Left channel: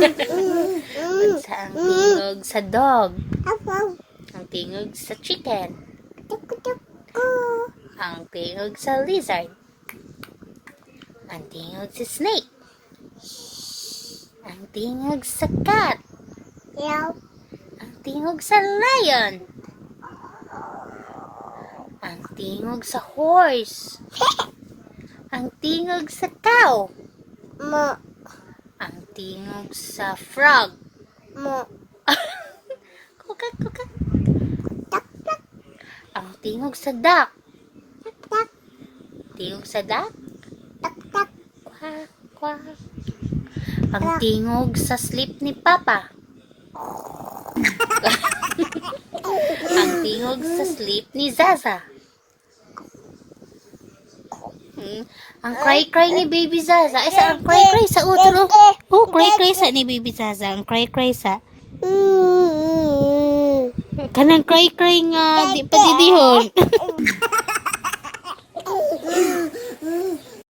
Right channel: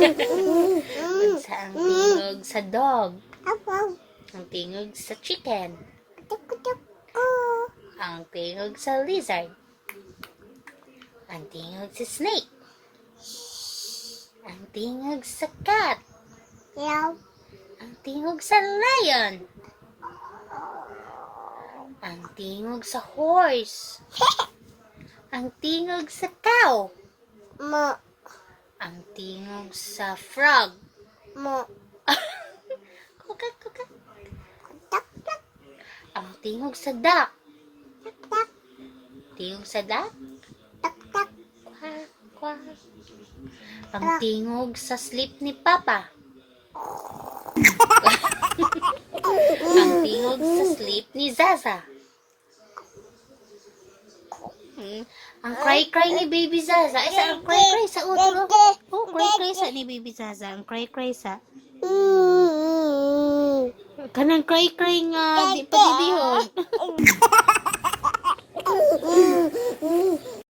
Unsa ang tingog sa dog? Ang tingog sa chicken. Ang tingog sa lizard. Ang tingog sa snake. Ang tingog sa cat. Ang tingog sa lion. Ang tingog sa horse. Ang tingog sa cow. Ang tingog sa frog. Kuka, kuka. Ang tingog sa duck. Tingog sa duck. Quack, quack. Ang tingog sa sleep ni Papa. Ang tingog sa sleep ni Zaza. Ang cry-cry ni Baby Zaza. Ay, sa ang cry-cry sa utro. Oh, cry-cry sa ni Baby Zaza. Ang cry-cry sa. Kanang cry-cry nga di pa didihon.